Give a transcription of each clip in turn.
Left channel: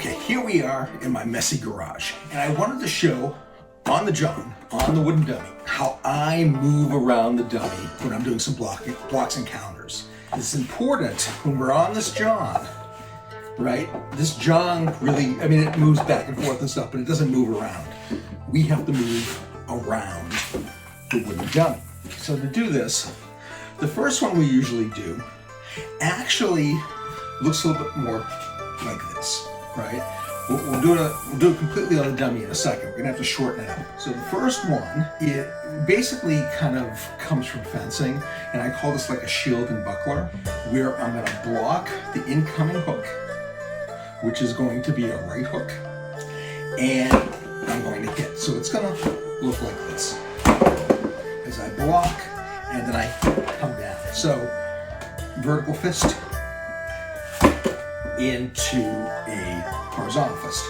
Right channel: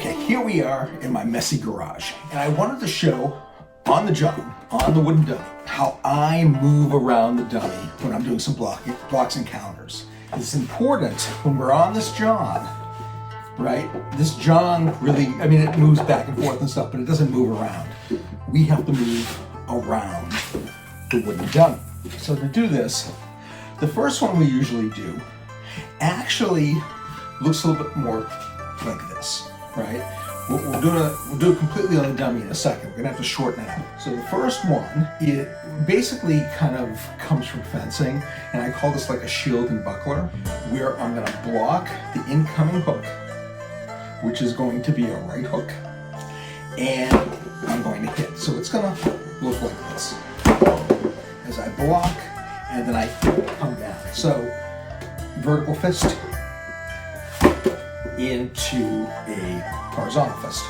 Okay, here we are in my messy garage, and I wanted to show on the Chun, on the wooden dummy, how I move around the dummy when I'm doing some blocks and counters. It's important when we're on this Chun, right? This Chun really, I mean, it moves back and forth and stuff, but it doesn't move around. We have to move around the wooden dummy. So to do this, the first one we usually do actually looks a little bit more like this, right? We'll do it completely on the dummy in a second. We're gonna have to shorten it up. So the first one, it basically kind of comes from fencing, and I call this like a shield and buckler, where I'm gonna block the incoming hook, which is going to be a right hook, and I'm going to hit. So it's gonna look like this. As I block, and then I come down. So vertical fist into a horizontal fist.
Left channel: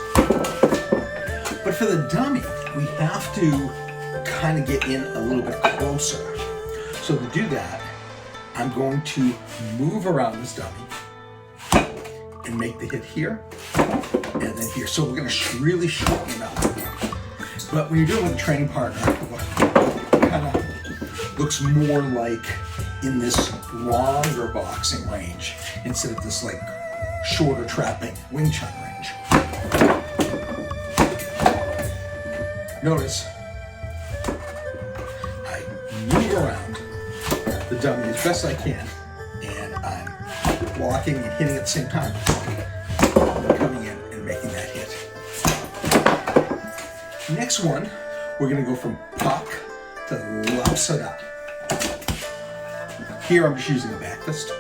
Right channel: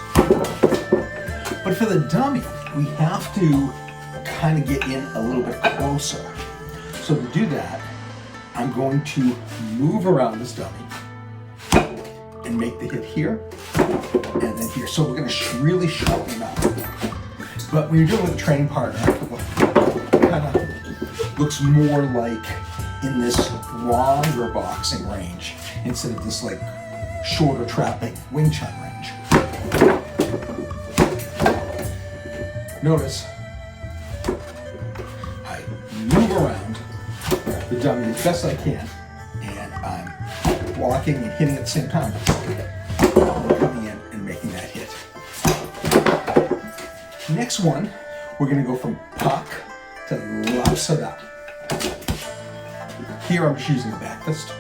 But for the dummy, we have to kind of get in a little bit closer. So to do that, I'm going to move around this dummy and make the hit here and then here. So we're going to really shorten it up. But when you're doing it with a training partner, it kind of looks more like in this longer boxing range instead of this like shorter trapping Wing Chun range. Notice I move around the dummy as best I can, and I'm blocking and hitting at the same time. I'm coming in and making that hit. Next one, we're going to go from pak to lapsada. Here I'm just using a back fist.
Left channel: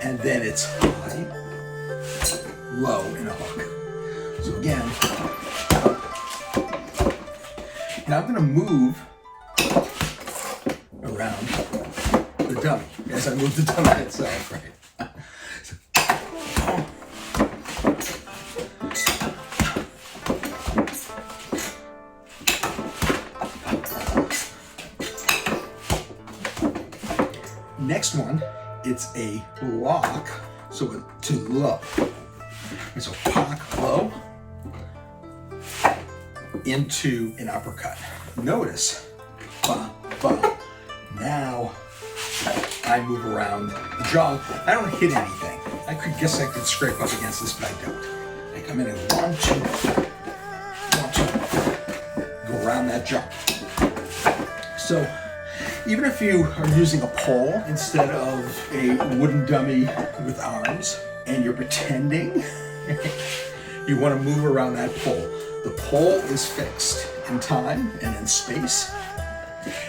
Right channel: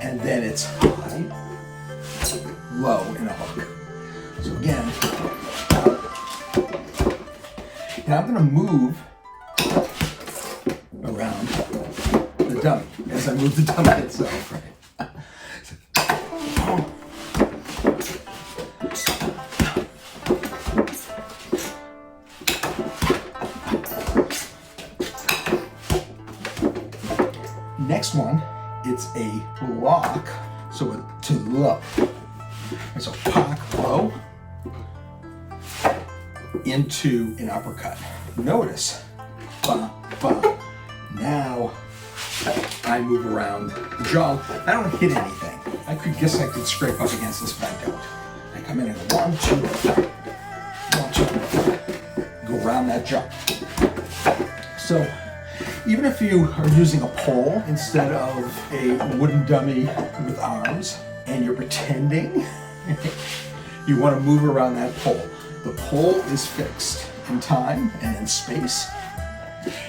And then it's high, low, and a hook. So again, now I'm going to move around the dummy as I move the dummy itself, right? Next one, it's a block, so to low. And so pak, low, into an uppercut. Notice, ba, ba. Now I move around the jaw. I don't hit anything. I guess I could scrape up against this, but I don't. I come in and 1, 2, 1, 2, go around that jaw. So even if you are using a pole instead of a wooden dummy with arms, and you're pretending you want to move around that pole, the pole is fixed in time and in space.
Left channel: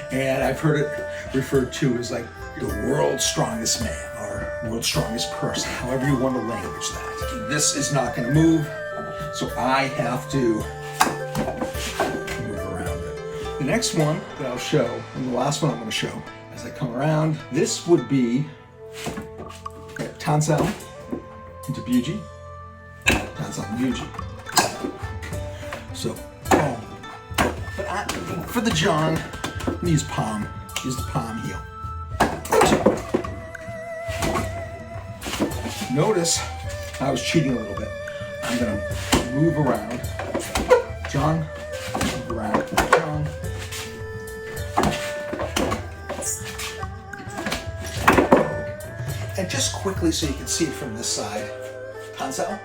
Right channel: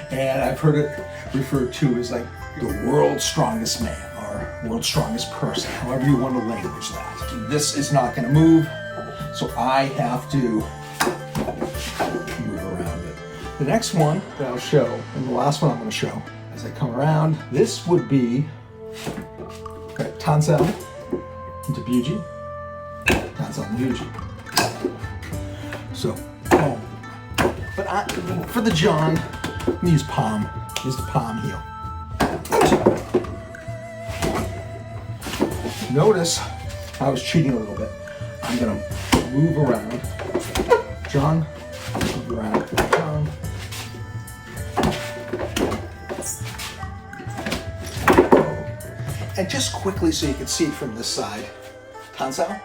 And I've heard it referred to as like the world's strongest man or world's strongest person, however you want to language that. This is not going to move, so I have to move around it. The next one that I'll show, and the last one I'm going to show, as I come around, this would be Tansel into Buji, Tansel and Buji. So, boom. But for the Chun, I'm going to use palm. Use the palm heel. Notice I was cheating a little bit. I'm going to move around Chun, move around Chun. And just quickly so you can see it from this side, Tansel.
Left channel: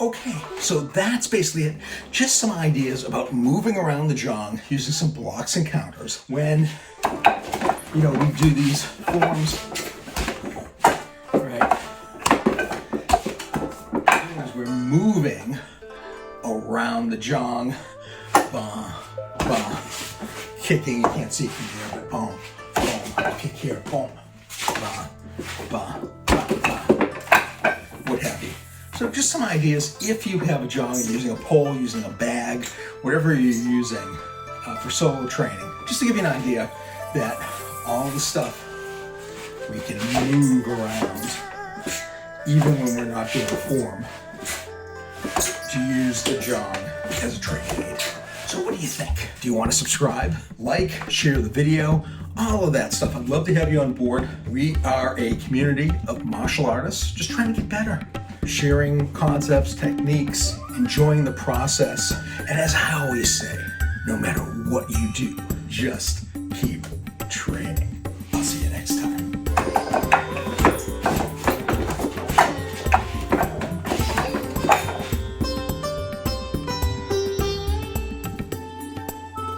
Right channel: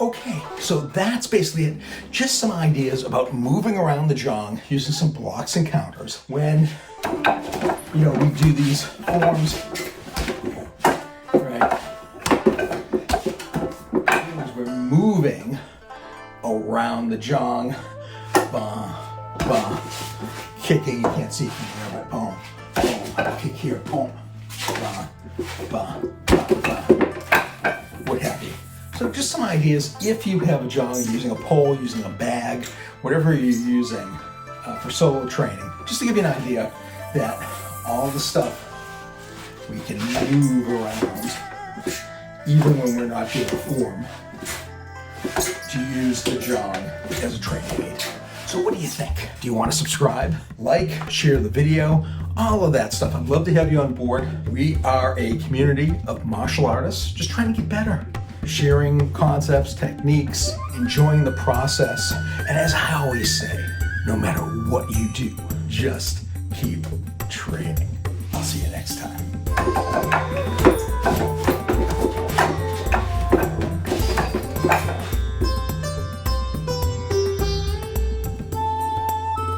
Okay, so that's basically it. Just some ideas about moving around the Chun using some blocks and counters when, you know, we do these forms, right? As we're moving around the Chun, ba, ba, kicking, you can't see from there, but boom, boom, kick here, boom, ba, ba, ba, ba, what have you. So just some ideas if you have a Chun, using a pole, using a bag, whatever you're using for solo training, just to give you an idea that all the stuff we can move around, even when we're not doing form, to use the jog as a training aid. So what do you think? Do you want to subscribe, like, share the video, all of that stuff? I'd love to have you on board. We are a community of martial artists just trying to get better, sharing concepts, techniques, enjoying the process. And as I always say, no matter what you do, just keep training. I'll see you next time.